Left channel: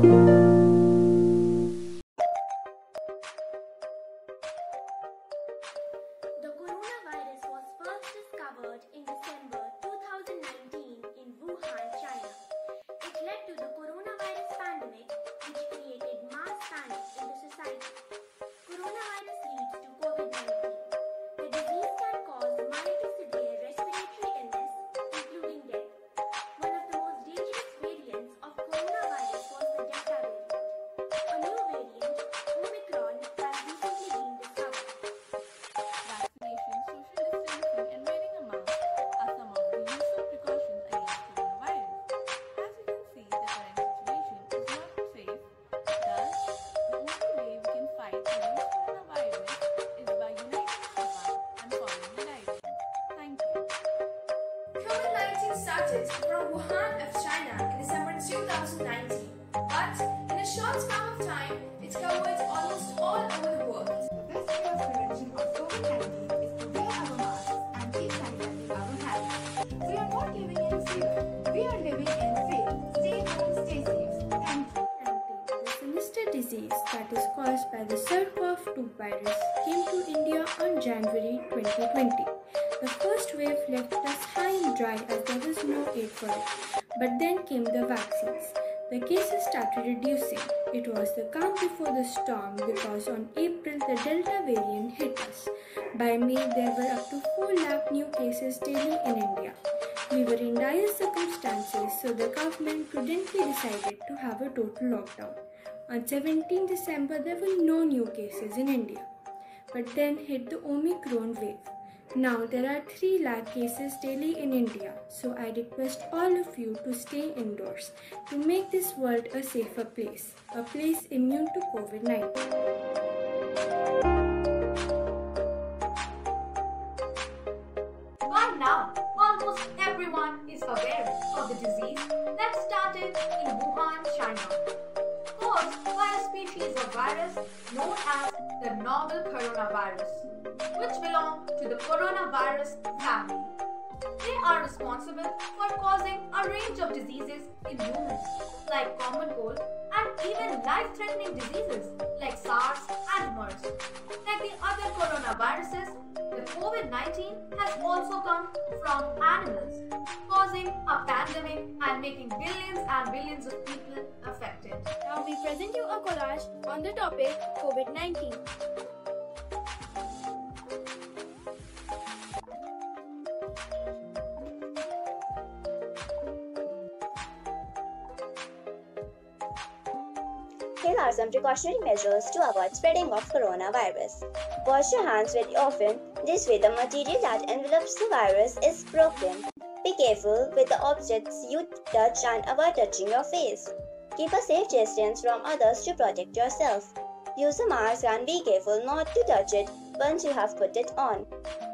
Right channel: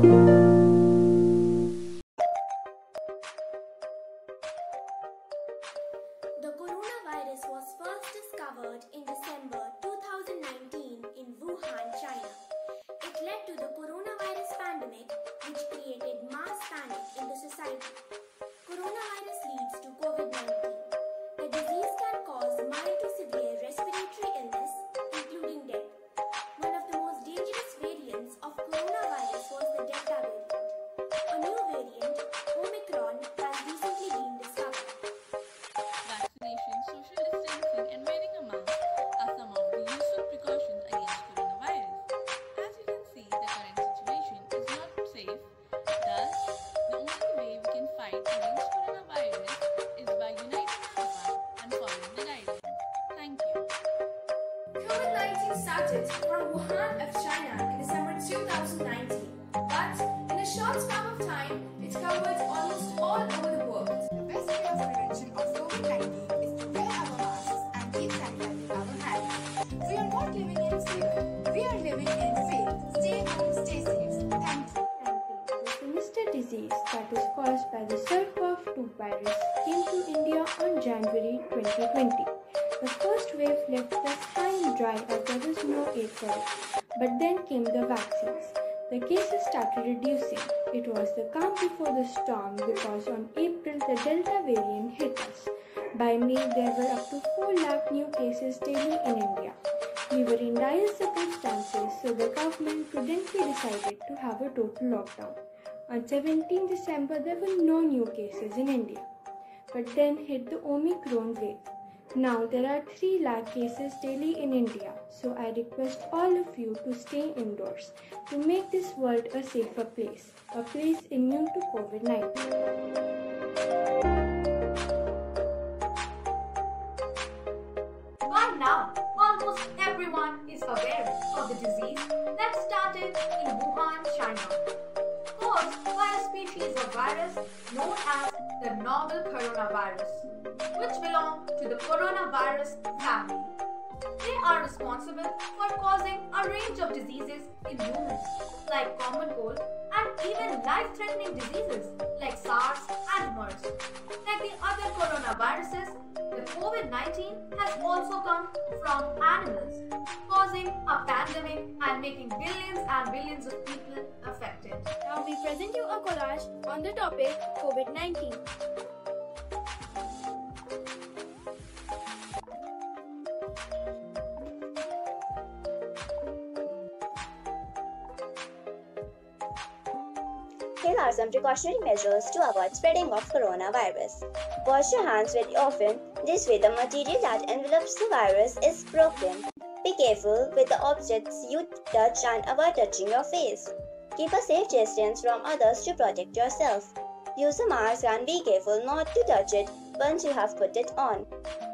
The coronavirus was first discovered in December 2019 in Wuhan, China. It led to the coronavirus pandemic, which created mass panic in the society. Coronavirus leads to COVID-19. The disease can cause mild to severe respiratory illness, including death. One of the most dangerous variants of coronavirus was the Delta variant. A new variant, Omicron, has recently been discovered. Vaccination, social distancing, and wearing a mask are some of the useful precautions against coronavirus. As you can see, the current situation is not safe. Thus, the only way we can fight against coronavirus is by uniting as one and following the guidelines. Thank you. COVID-19 started from Wuhan of China in December 2019, but in a short span of time, it covered almost all over the world. The best way of prevention of COVID-19 is to wear our masks and keep sanitizing our hands. We are not living in fear. We are living in faith. Stay home, stay safe. Thank you. The sinister disease that is caused by the SARS-CoV-2 virus came to India on January 2020. The first wave left us high and dry as there was no aid for it. But then came the vaccines. The cases started reducing. It was the calm before the storm because on April the Delta variant hit us. By May there were up to 4 lakh new cases daily in India. We were in dire circumstances, so the government prudently decided to have a total lockdown. On 17 December there were no new cases in India. But then hit the Omicron wave. Now there are 3 lakh cases daily in India, so I request all of you to stay indoors to make this world a safer place, a place immune to COVID-19. By now, almost everyone is aware of the disease that started in Wuhan, China, caused by a species of virus known as the novel coronavirus, which belong to the coronavirus family. They are responsible for causing a range of diseases in humans, like common cold, and even life-threatening diseases like SARS and MERS. Like the other coronaviruses, the COVID-19 has also come from animals, causing a pandemic and making billions and billions of people affected. Now we present you a collage on the topic COVID-19. Here are some precautionary measures to avoid spreading of coronavirus. Wash your hands very often. This way the material that envelops the virus is broken. Be careful with the objects you touch and avoid touching your face. Keep a safe distance from others to protect yourself. Use a mask and be careful not to touch it once you have put it on.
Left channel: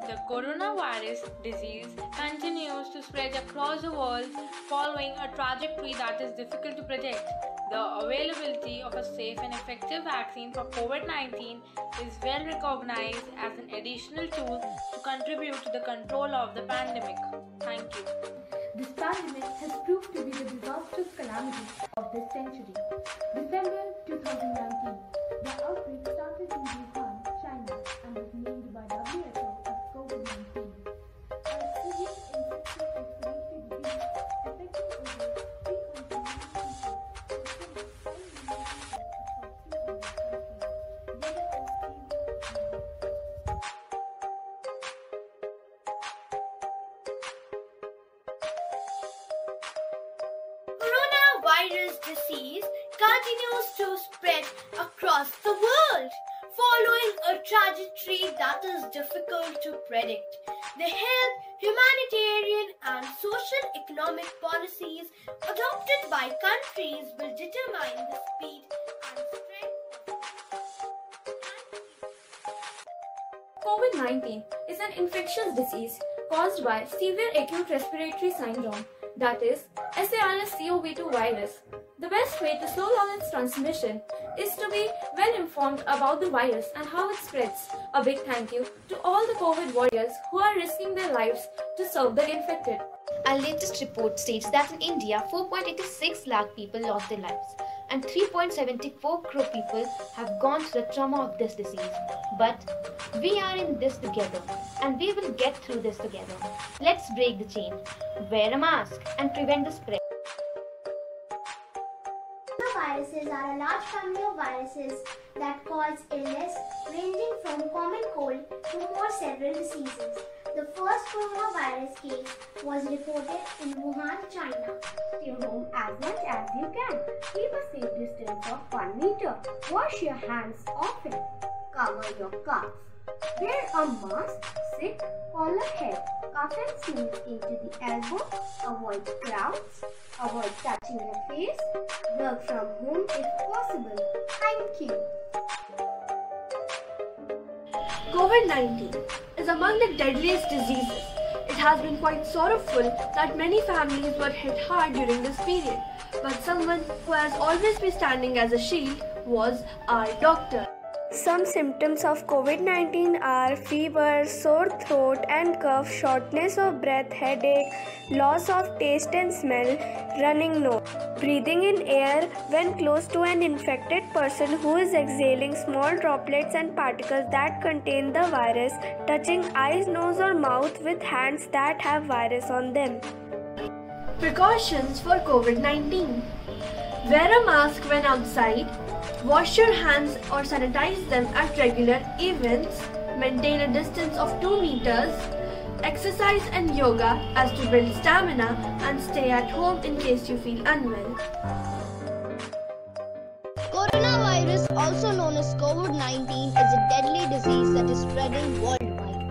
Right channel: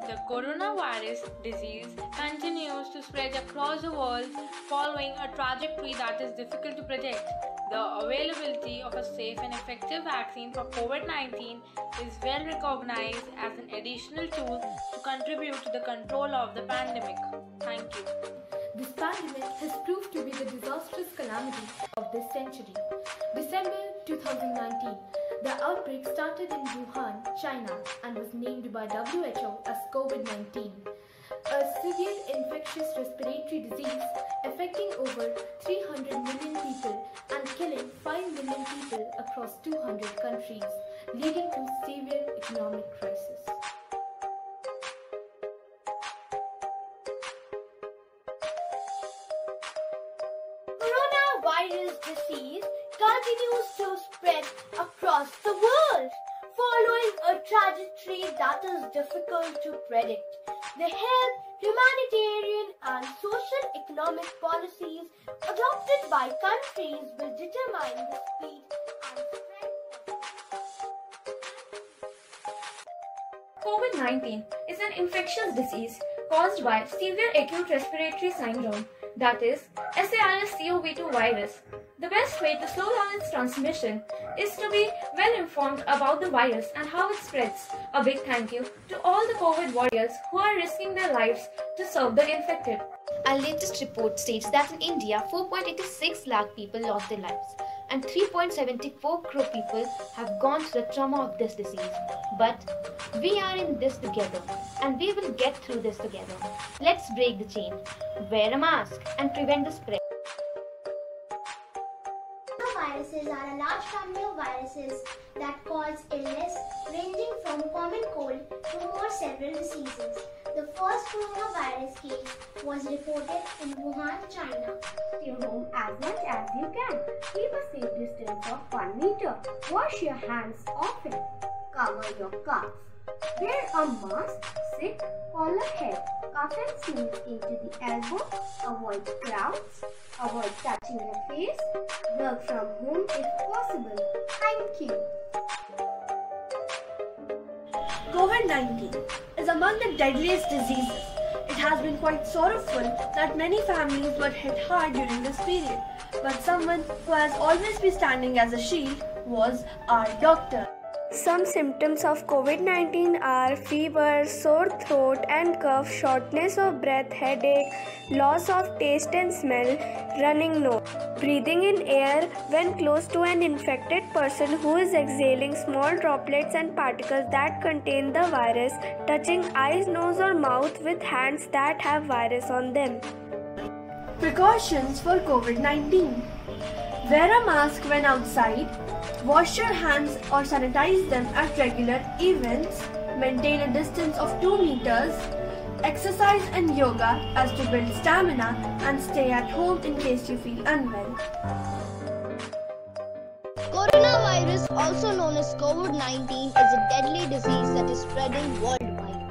The coronavirus disease continues to spread across the world following a trajectory that is difficult to predict. The availability of a safe and effective vaccine for COVID-19 is well recognized as an additional tool to contribute to the control of the pandemic. Thank you. This pandemic has proved to be the disastrous calamity of this century. December 2019, the outbreak started in Wuhan, China, and was named by WHO as COVID-19, a severe infectious respiratory disease affecting over 300 million people and killing 5 million people across 200 countries, leading to severe economic crisis. Coronavirus disease continues to spread across the world, following a trajectory that is difficult to predict. The health, humanitarian, and social-economic policies adopted by countries will determine the speed and spread. COVID-19 is an infectious disease caused by severe acute respiratory syndrome, that is SARS-CoV-2 virus. The best way to slow down its transmission is to be well informed about the virus and how it spreads. A big thank you to all the COVID warriors who are risking their lives to serve the infected. Our latest report states that in India, 4.86 lakh people lost their lives. and 3.74 crore people have gone through the trauma of this disease. But we are in this together and we will get through this together. Let's break the chain, wear a mask and prevent the spread. Viruses are a large family of viruses that cause illness ranging from common cold to more several diseases. The first coronavirus case was reported in Wuhan, China. Stay home as much as you can. Keep a safe distance of 1 meter. Wash your hands often. Cover your cough. Wear a mask, sit, collar head, cough and sneeze into the elbow. Avoid crowds. Avoid touching your face. Work from home if possible. Thank you. COVID-19 is among the deadliest diseases. It has been quite sorrowful that many families were hit hard during this period, but someone who has always been standing as a shield was our doctor. Some symptoms of COVID-19 are fever, sore throat and cough, shortness of breath, headache, loss of taste and smell, running nose, breathing in air when close to an infected person who is exhaling small droplets and particles that contain the virus, touching eyes, nose or mouth with hands that have virus on them. Precautions for COVID-19. Wear a mask when outside. Wash your hands or sanitize them at regular events. Maintain a distance of 2 meters. Exercise and yoga as to build stamina, and stay at home in case you feel unwell. Coronavirus, also known as COVID-19, is a deadly disease that is spreading worldwide.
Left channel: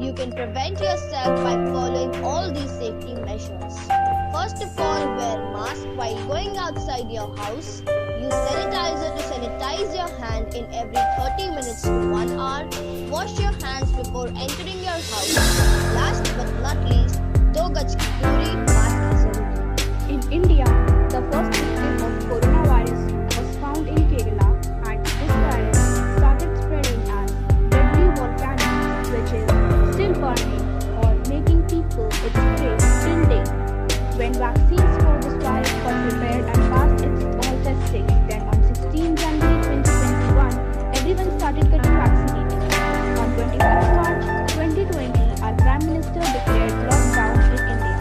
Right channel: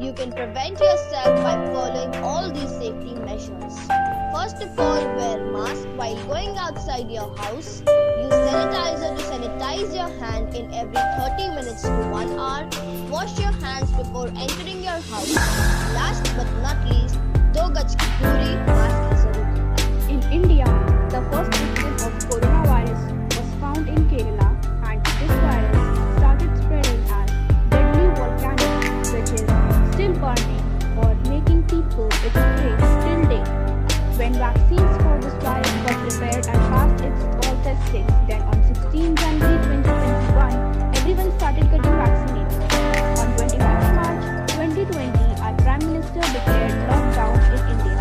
You can prevent yourself by following all these safety measures. First of all, wear mask while going outside your house. Use sanitizer to sanitize your hand in every 30 minutes to 1 hour. Wash your hands before entering your house. Last but not least, 2 gaj ki duri, mask hai zaruri. In India, the first victim of coronavirus was found in Kerala, and this virus started spreading as deadly volcano, which is still burning or making people its prey till date. When vaccines for this virus got prepared and passed its all testing, then on 16 January 2021, everyone started getting vaccinated. On 25th March 2020, our Prime Minister declared lockdown in India.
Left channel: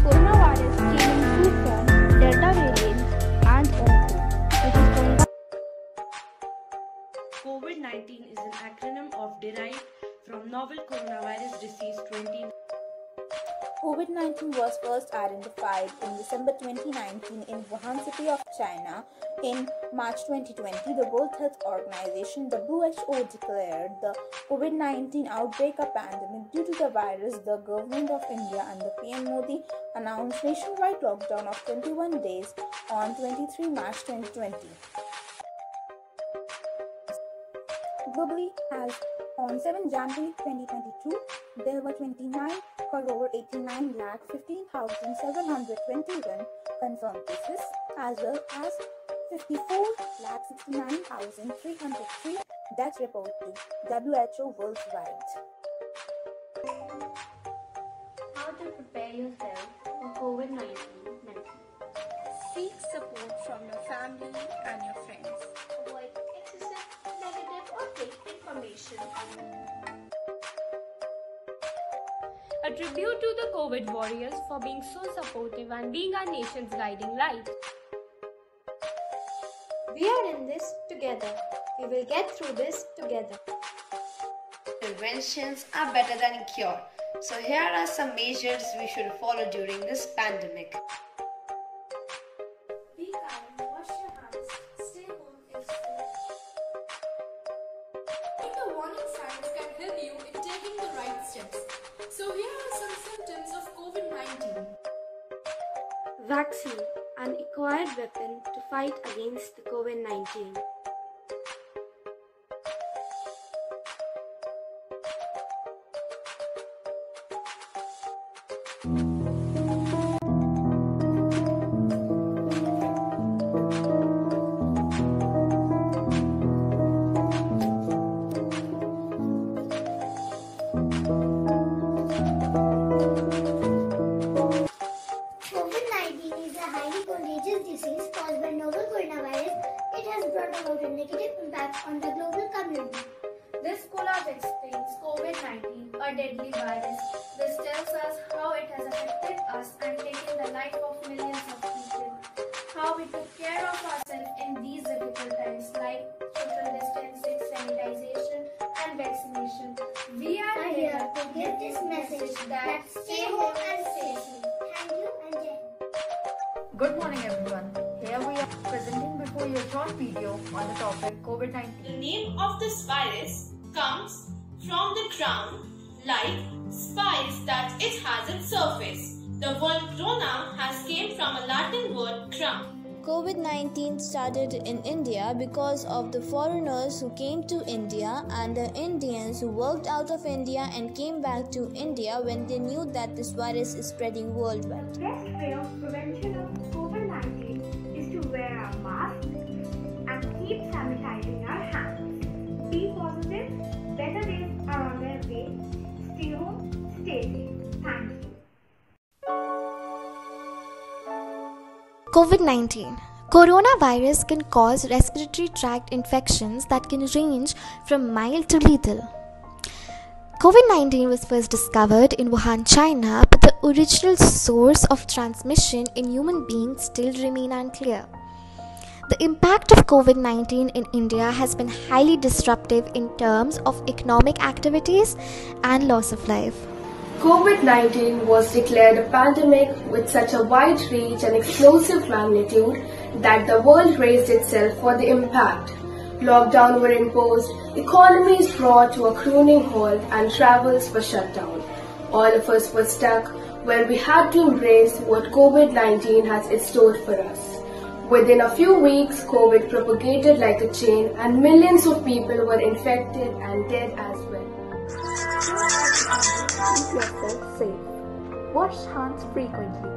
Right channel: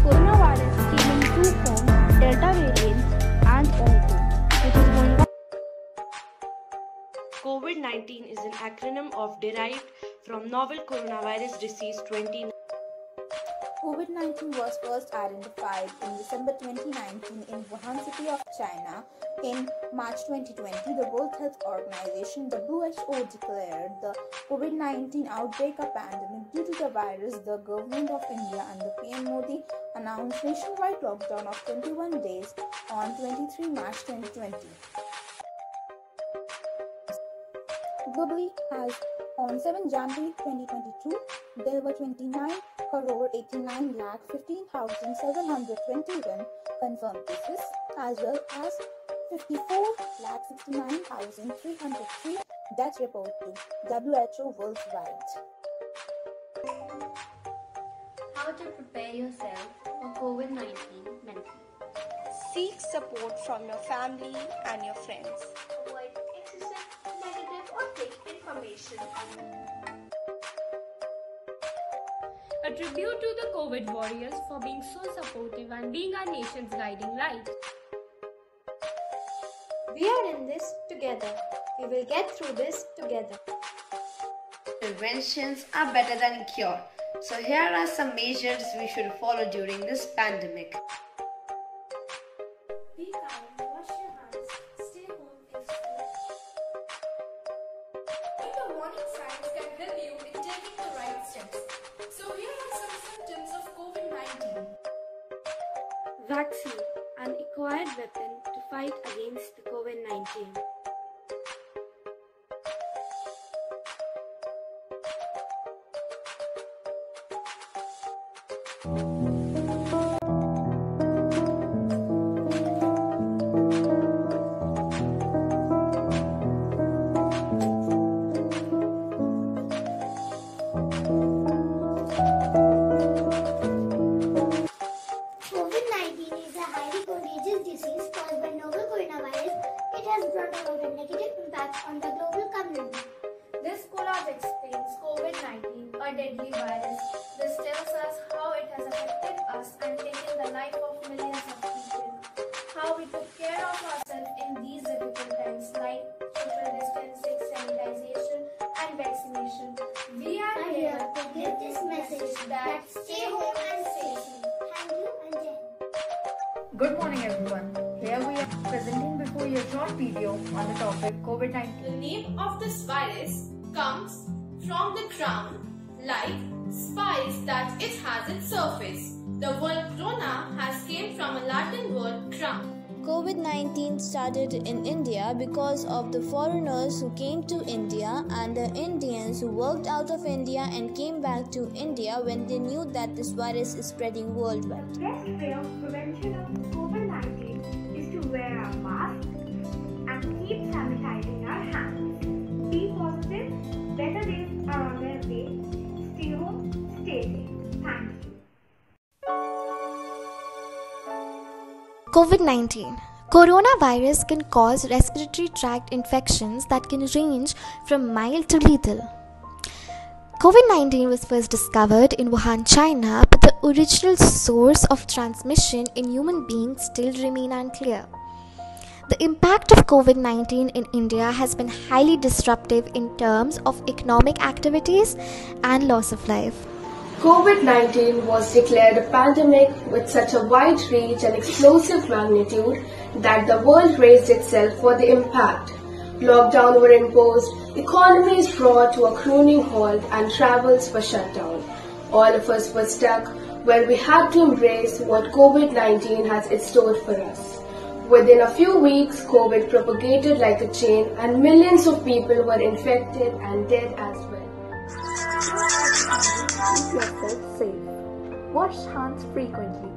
Coronavirus came in 2 forms, Delta variant and Omicron, which is going on. COVID-19 is an acronym of derived from novel coronavirus disease 2019. COVID-19 was first identified in December 2019 in Wuhan city of China. In March 2020, the World Health Organization (WHO) declared the COVID-19 outbreak a pandemic due to the virus. The government of India under PM Modi announced nationwide lockdown of 21 days on 23 March 2020. Globally, as on 7 January 2022, there were 29,89,15,721 confirmed cases, as well as 54,69,303 deaths reported to WHO worldwide. How to prepare yourself for COVID-19 mentally. Seek support from your family and your friends. Avoid excessive, negative or fake information. A tribute to the COVID warriors for being so supportive and being our nation's guiding light. We are in this together. We will get through this together. Preventions are better than a cure. So here are some measures we should follow during this pandemic. Be kind, wash your hands, stay home if safe. The warning signs can help you in taking the right steps. So here are some symptoms of COVID-19. Vaccine, an acquired weapon to fight against the COVID-19. COVID-19 is a highly contagious disease caused by novel coronavirus has brought about a negative impact on the global community. This collage explains COVID-19, a deadly virus. This tells us how it has affected us and taken the life of millions of people. How we took care of ourselves in these difficult times like social distancing, sanitization and vaccination. We are here to give this message that stay home and stay safe. Thank you and Jai. Good morning everyone. Here we are presenting before you a short video on the topic COVID-19. The name of this virus comes from the crown like spines that it has its surface. The word corona has came from a Latin word crown. COVID-19 started in India because of the foreigners who came to India and the Indians who worked out of India and came back to India when they knew that this virus is spreading worldwide. The best way of prevention of COVID-19 is to wear a mask and keep sanitizing our hands. Be positive, better days are on their way. Stay home, stay safe. Thank you. COVID-19. Coronavirus can cause respiratory tract infections that can range from mild to lethal. COVID-19 was first discovered in Wuhan, China, but the original source of transmission in human beings still remain unclear. The impact of COVID-19 in India has been highly disruptive in terms of economic activities and loss of life. COVID-19 was declared a pandemic with such a wide reach and explosive magnitude that the world raised itself for the impact. Lockdown were imposed, economies brought to a crooning halt and travels were shut down. All of us were stuck where we had to embrace what COVID-19 has in store for us. Within a few weeks, COVID propagated like a chain and millions of people were infected and dead as well. Keep yourself safe. Wash hands frequently.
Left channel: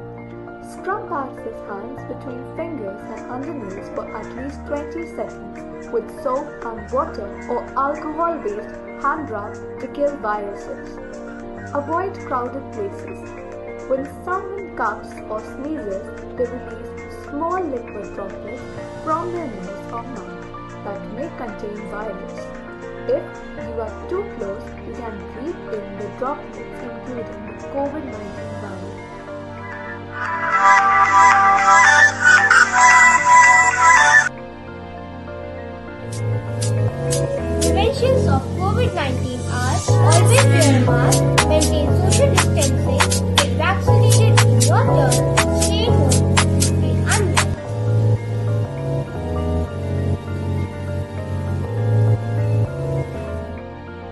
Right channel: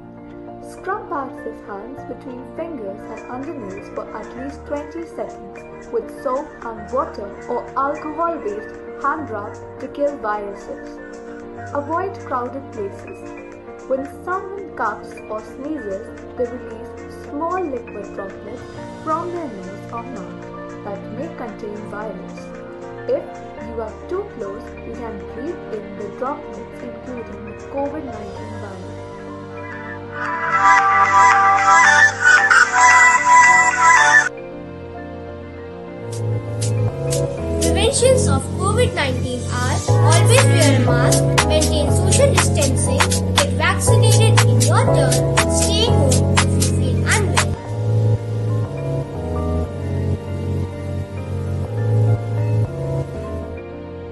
Scrub Bax's hands between fingers and undernails for at least 20 seconds with soap and water or alcohol-based hand rub to kill viruses. Avoid crowded places. When someone coughs or sneezes, they release small liquid droplets from their nose or mouth that may contain virus. If you are too close, you can breathe in the droplets including the COVID-19 virus. Preventions of COVID-19 are always wear a mask, maintain social distancing, get vaccinated in your turn, stay home if you feel unwell.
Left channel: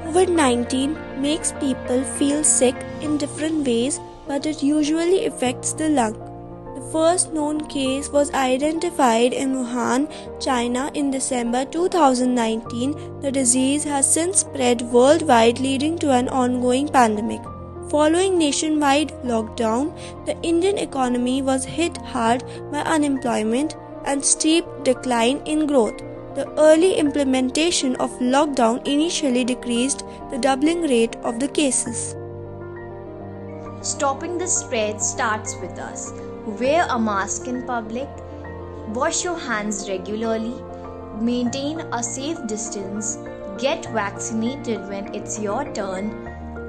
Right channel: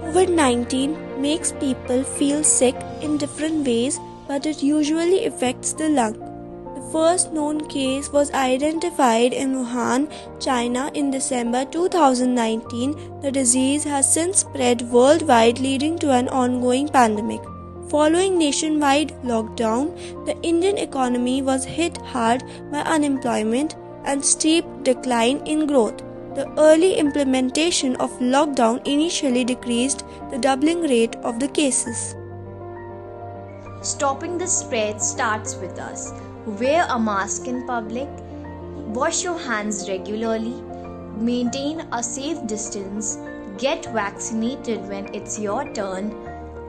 COVID-19 makes people feel sick in different ways, but it usually affects the lung. The first known case was identified in Wuhan, China in December 2019. The disease has since spread worldwide, leading to an ongoing pandemic. Following nationwide lockdown, the Indian economy was hit hard by unemployment and steep decline in growth. The early implementation of lockdown initially decreased the doubling rate of the cases. Stopping the spread starts with us. Wear a mask in public, wash your hands regularly, maintain a safe distance, get vaccinated when it's your turn,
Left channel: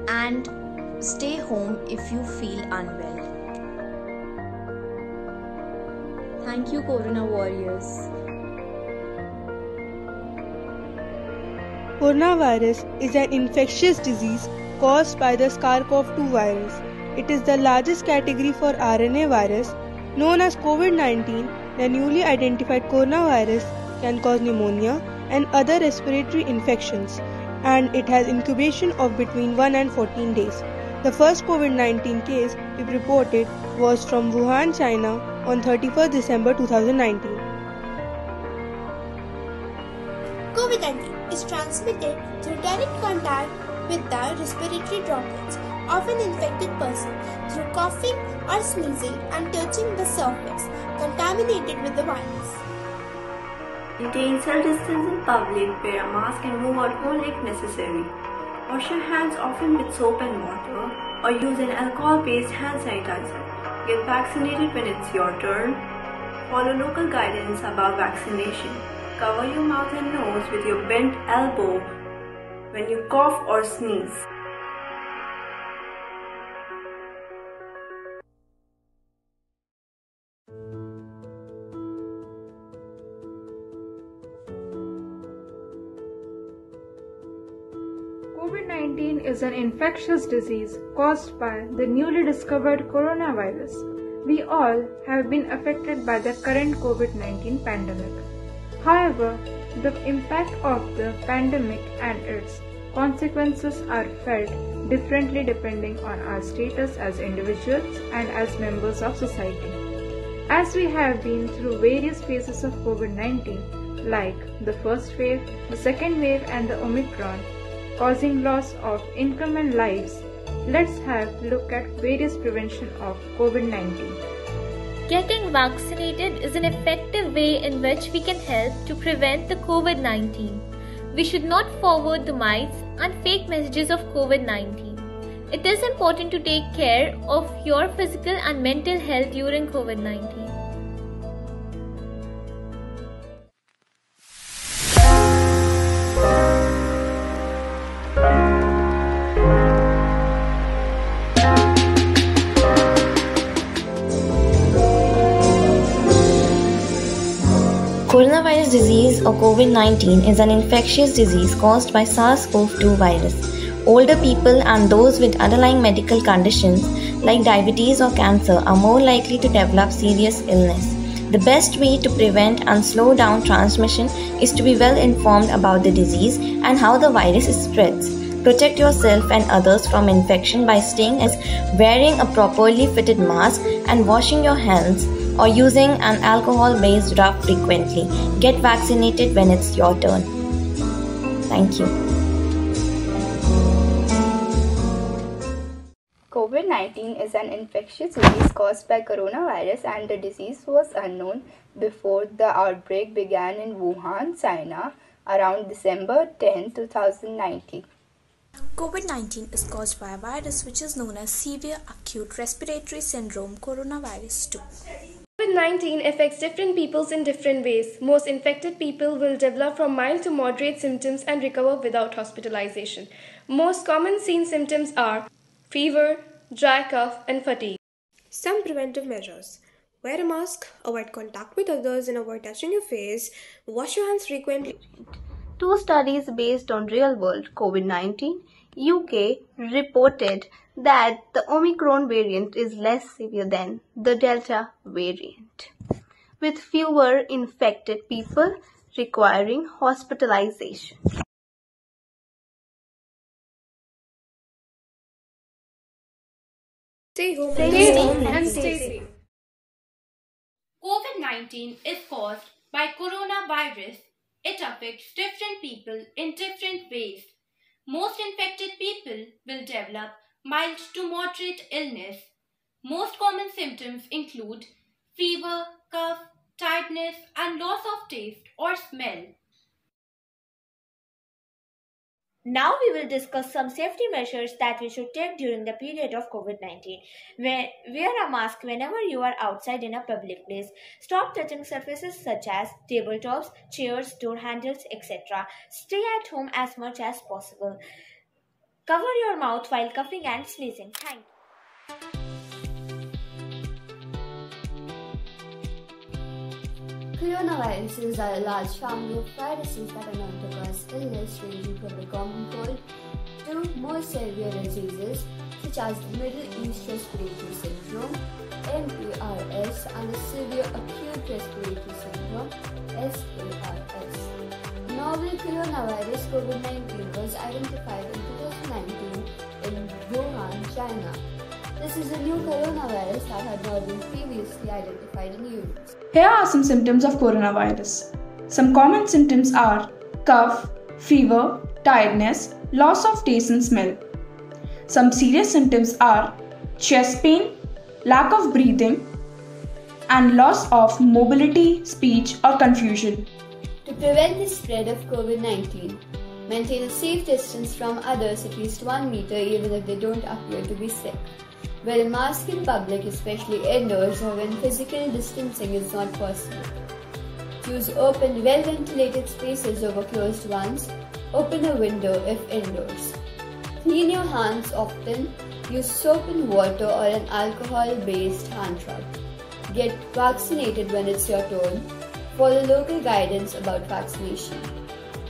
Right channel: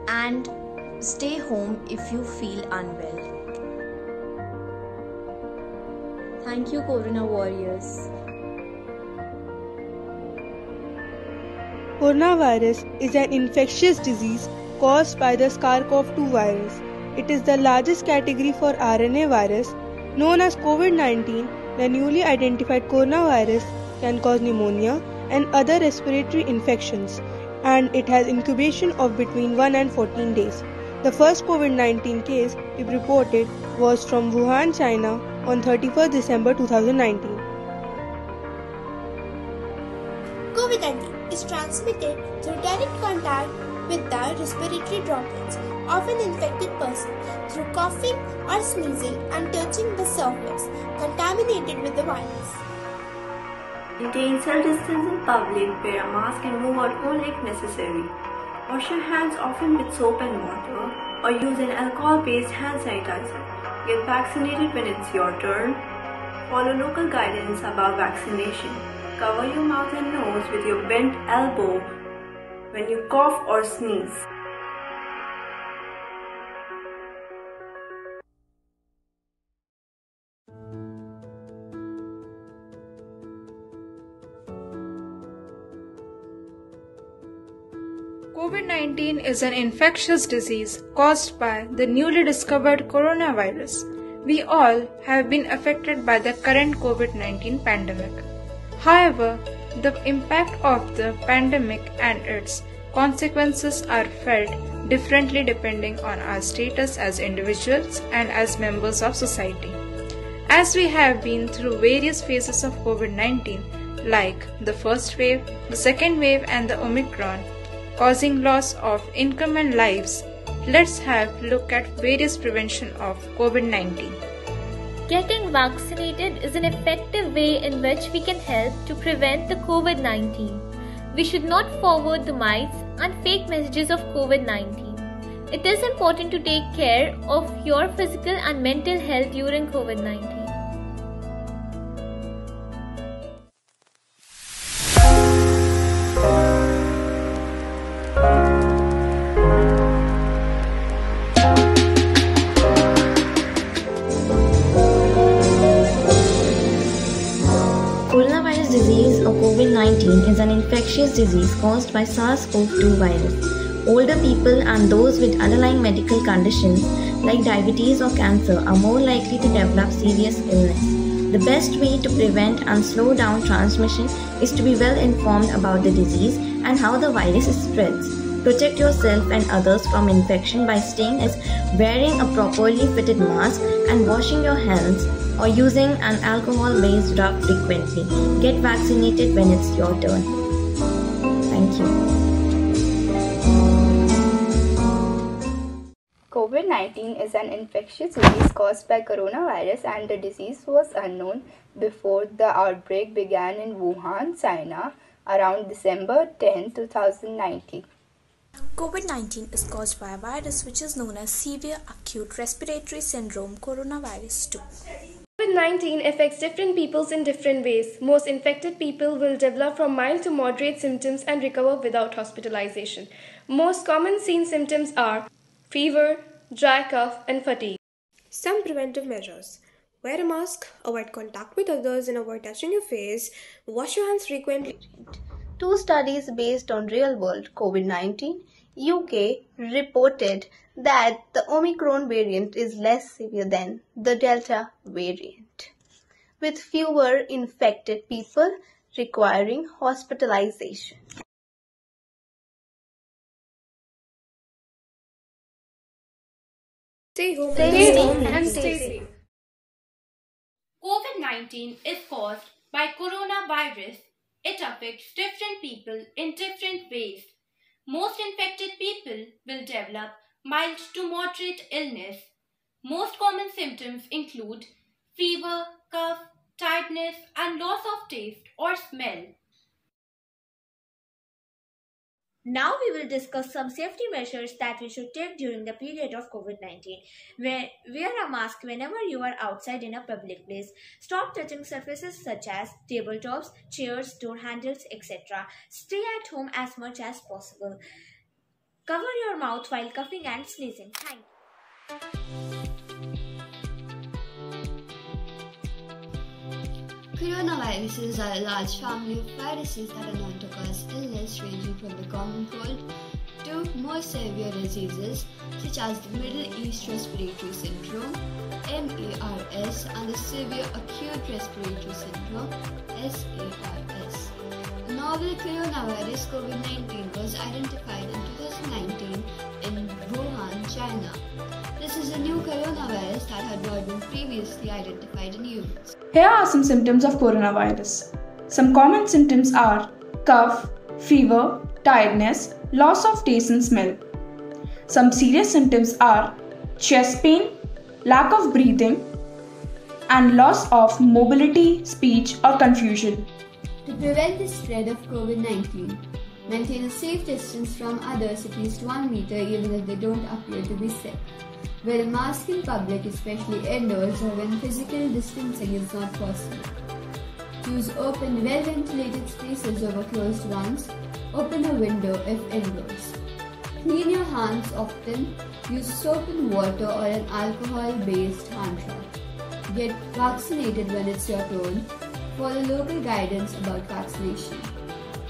and stay home if you feel unwell. Thank you, Corona Warriors. Coronavirus is an infectious disease caused by the SARS-CoV-2 virus. It is the largest category for RNA virus. Known as COVID-19, the newly identified coronavirus can cause pneumonia and other respiratory infections, and it has incubation of between 1 and 14 days. The first COVID-19 case we reported was from Wuhan, China on 31st December 2019. COVID-19 is transmitted through direct contact with the respiratory droplets of an infected person through coughing or sneezing and touching the surface contaminated with the virus. Maintain social distance in public, wear a mask and move out only if necessary. Wash your hands often with soap and water or use an alcohol-based hand sanitizer. Get vaccinated when it's your turn. Follow local guidance about vaccination. cover your mouth and nose with your bent elbow when you cough or sneeze. COVID-19 is an infectious disease caused by the newly discovered coronavirus. We all have been affected by the current COVID-19 pandemic. However, the impact of the pandemic and its consequences are felt differently depending on our status as individuals and as members of society. As we have been through various phases of COVID-19, like the first wave, the second wave, and the Omicron, causing loss of income and lives, let's have a look at various prevention of COVID-19. Getting vaccinated is an effective way in which we can help to prevent the COVID-19. We should not forward the myths and fake messages of COVID-19. It is important to take care of your physical and mental health during COVID-19. Coronavirus disease or COVID-19 is an infectious disease caused by SARS-CoV-2 virus. Older people and those with underlying medical conditions like diabetes or cancer are more likely to develop serious illness. The best way to prevent and slow down transmission is to be well informed about the disease and how the virus spreads. Protect yourself and others from infection by staying as wearing a properly fitted mask and washing your hands or using an alcohol-based rub frequently. Get vaccinated when it's your turn. Thank you. COVID-19 is an infectious disease caused by coronavirus, and the disease was unknown before the outbreak began in Wuhan, China around December 10, 2019. COVID-19 is caused by a virus which is known as severe acute respiratory syndrome coronavirus 2. COVID-19 affects different people in different ways. Most infected people will develop from mild to moderate symptoms and recover without hospitalization. Most common seen symptoms are fever, dry cough, and fatigue. Some preventive measures. Wear a mask, avoid contact with others and avoid touching your face, wash your hands frequently. Two studies based on real-world COVID-19, UK reported that the Omicron variant is less severe than the Delta variant, with fewer infected people requiring hospitalization. Stay home and stay safe. COVID-19 is caused by coronavirus. It affects different people in different ways. Most infected people will develop mild to moderate illness. Most common symptoms include fever, cough, tiredness, and loss of taste or smell. Now we will discuss some safety measures that we should take during the period of COVID-19. Wear a mask whenever you are outside in a public place. Stop touching surfaces such as tabletops, chairs, door handles, etc. Stay at home as much as possible. Cover your mouth while coughing and sneezing. Thank you. Coronaviruses are a large family of viruses that are known to cause illness ranging from the common cold to more severe diseases such as the Middle East Respiratory Syndrome (MERS) and the Severe Acute Respiratory Syndrome (SARS). Novel coronavirus COVID-19 was identified in 2019 in Wuhan, China. This is a new coronavirus that had not been previously identified in humans. Here are some symptoms of coronavirus. Some common symptoms are cough, fever, tiredness, loss of taste and smell. Some serious symptoms are chest pain, lack of breathing, and loss of mobility, speech, or confusion. To prevent the spread of COVID-19, maintain a safe distance from others at least 1 meter even if they don't appear to be sick. Wear a mask in public, especially indoors or when physical distancing is not possible. Choose open, well-ventilated spaces over closed ones. Open a window if indoors. Clean your hands often. Use soap and water or an alcohol-based hand rub. Get vaccinated when it's your turn. Follow local guidance about vaccination.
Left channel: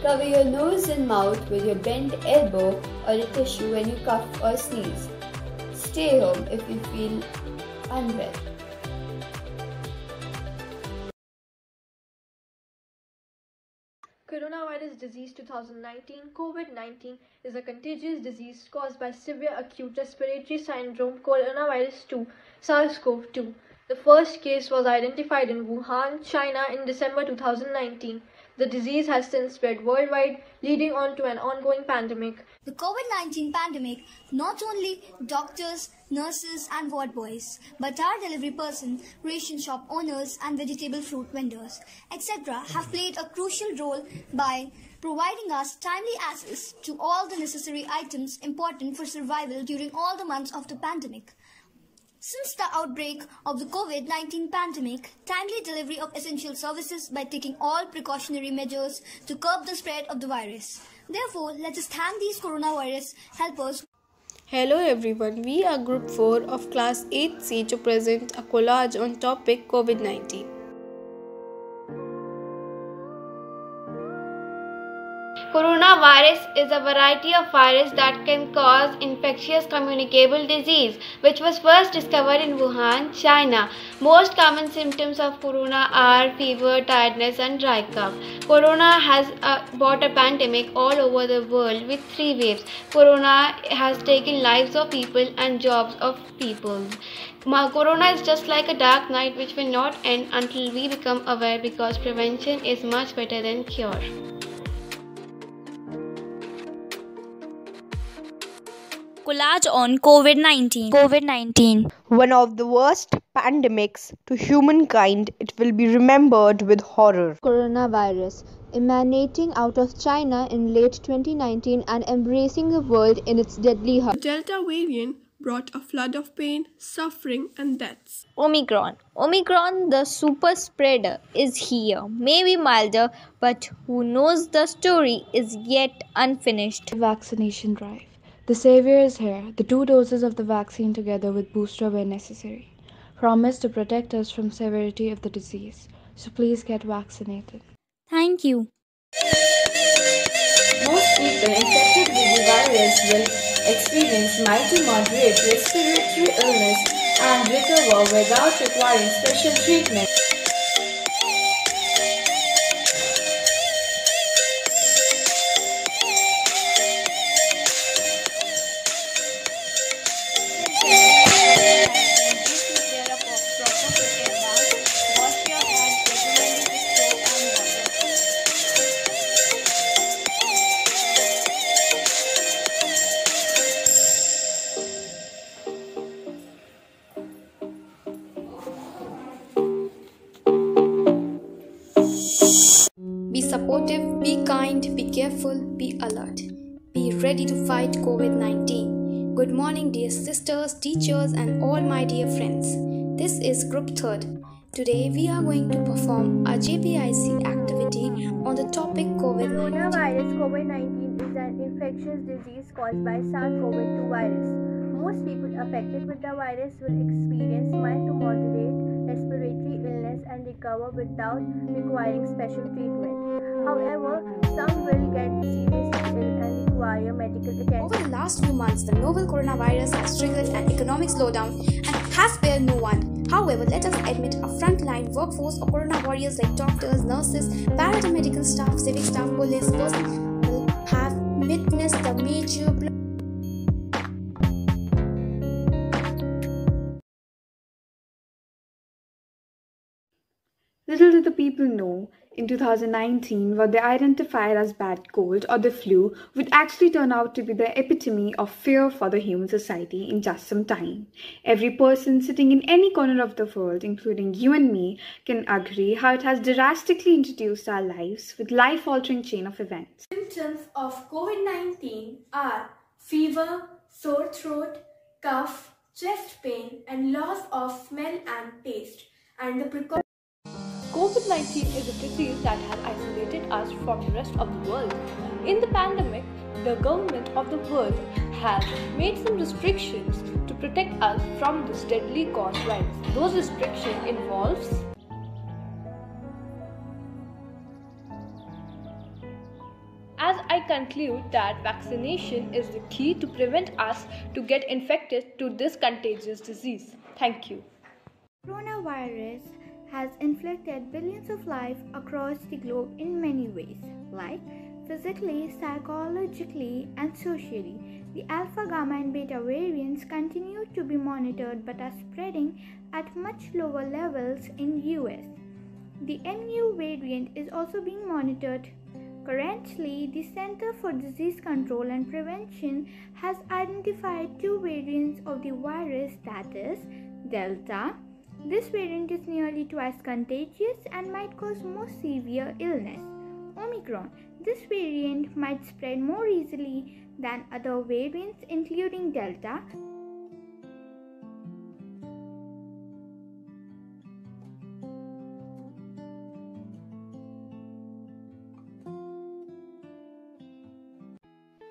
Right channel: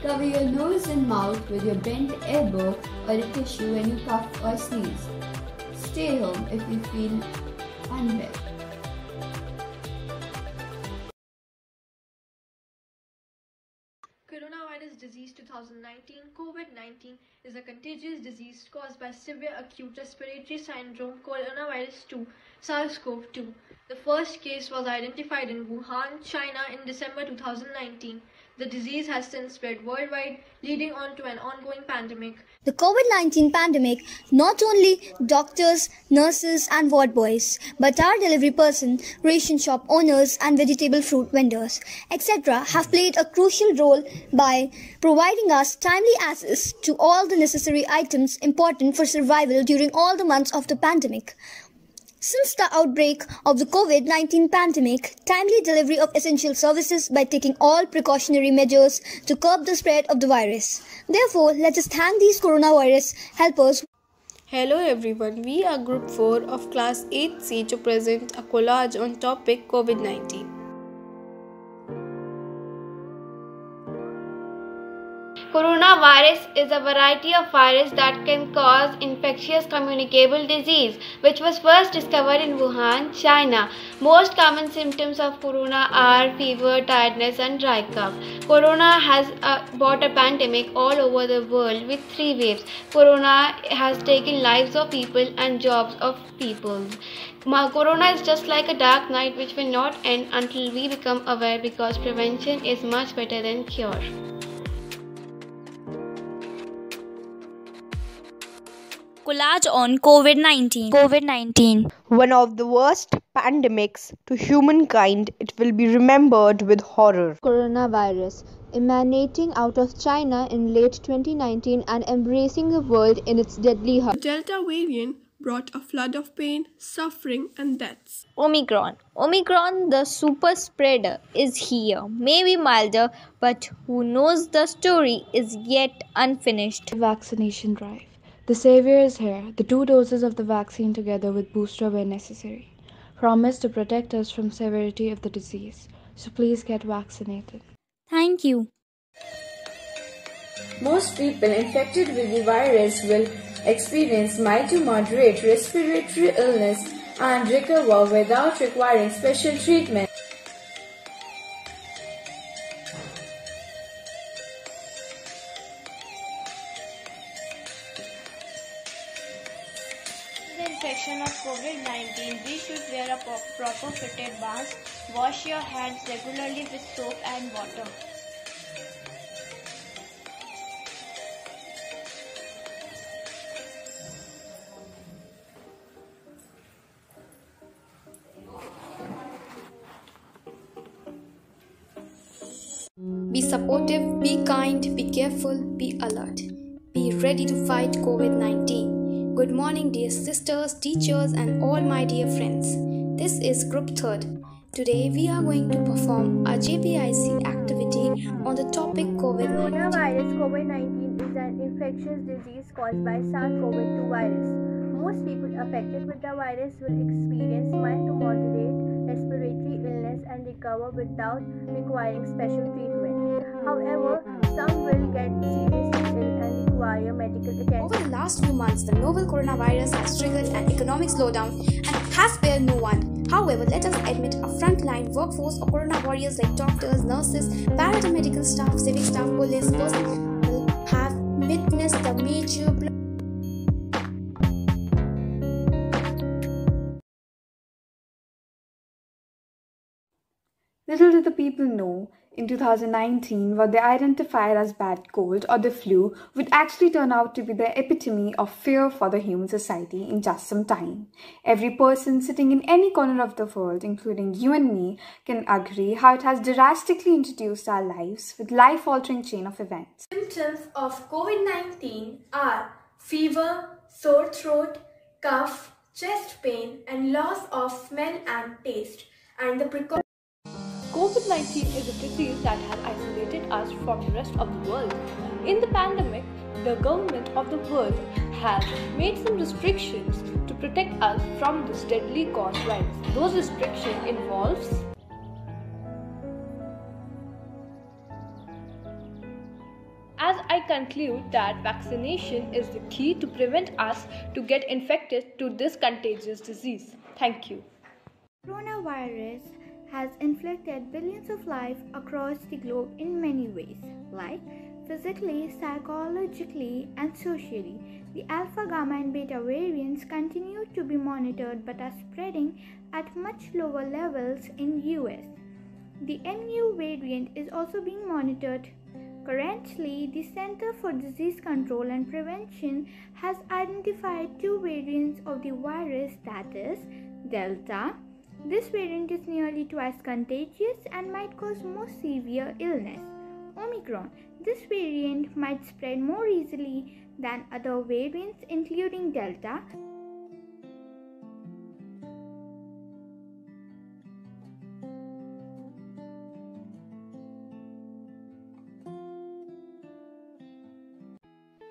Cover your nose and mouth with your bent elbow or a tissue when you cough or sneeze. Stay home if you feel unwell. Coronavirus disease 2019 COVID-19 is a contagious disease caused by severe acute respiratory syndrome coronavirus 2 SARS-CoV-2. The first case was identified in Wuhan, China in December 2019. The disease has since spread worldwide, leading on to an ongoing pandemic. The COVID-19 pandemic, not only doctors, nurses and ward boys, but our delivery person, ration shop owners and vegetable fruit vendors, etc. have played a crucial role by providing us timely access to all the necessary items important for survival during all the months of the pandemic. Since the outbreak of the COVID-19 pandemic, timely delivery of essential services by taking all precautionary measures to curb the spread of the virus. Therefore, let us thank these coronavirus helpers. Hello everyone, we are Group 4 of Class 8C to present a collage on topic COVID-19. Coronavirus is a variety of virus that can cause infectious communicable disease, which was first discovered in Wuhan, China. Most common symptoms of corona are fever, tiredness and dry cough. Corona has brought a pandemic all over the world with 3 waves. Corona has taken lives of people and jobs of people. Corona is just like a dark night which will not end until we become aware, because prevention is much better than cure. Collage on COVID-19. One of the worst pandemics to humankind, it will be remembered with horror. Coronavirus, emanating out of China in late 2019 and embracing the world in its deadly The Delta variant brought a flood of pain, suffering and deaths. Omicron, the super spreader, is here. Maybe milder, but who knows, the story is yet unfinished. Vaccination drive. The savior is here. The 2 doses of the vaccine together with booster where necessary. Promise to protect us from severity of the disease. So please get vaccinated. Thank you. Most people infected with the virus will experience mild to moderate respiratory illness and recover without requiring special treatment. Proper fitted mask. Wash your hands regularly with soap and water. Be supportive, be kind, be careful, be alert. Be ready to fight COVID-19. Good morning, dear sisters, teachers, and all my dear friends. This is Group 3rd. Today we are going to perform a Jpic activity on the topic COVID-19. Coronavirus COVID-19 is an infectious disease caused by SARS-CoV-2 virus. Most people affected with the virus will experience mild to moderate respiratory illness and recover without requiring special treatment. However, some will get seriously ill and require medical attention. Over the last few months, the novel coronavirus has triggered an economic slowdown and has spared no one. However, let us admit a frontline workforce of corona warriors like doctors, nurses, paramedical staff, civic staff, police personnel have witnessed the major Little did the people know, in 2019, what they identified as bad cold or the flu would actually turn out to be the epitome of fear for the human society in just some time. Every person sitting in any corner of the world, including you and me, can agree how it has drastically introduced our lives with life-altering chain of events. Symptoms of COVID-19 are fever, sore throat, cough, chest pain, and loss of smell and taste, and the precautions. COVID-19 is a disease that has isolated us from the rest of the world. In the pandemic, the government of the world has made some restrictions to protect us from this deadly coronavirus. Those restrictions involves as I conclude that vaccination is the key to prevent us to get infected to this contagious disease. Thank you. Coronavirus has inflicted billions of lives across the globe in many ways, like physically, psychologically, and socially. The alpha, gamma, and beta variants continue to be monitored but are spreading at much lower levels in US. The mu variant is also being monitored. Currently, the Center for Disease Control and Prevention has identified two variants of the virus, that is, Delta. This variant is nearly twice contagious and might cause more severe illness. Omicron. This variant might spread more easily than other variants, including Delta.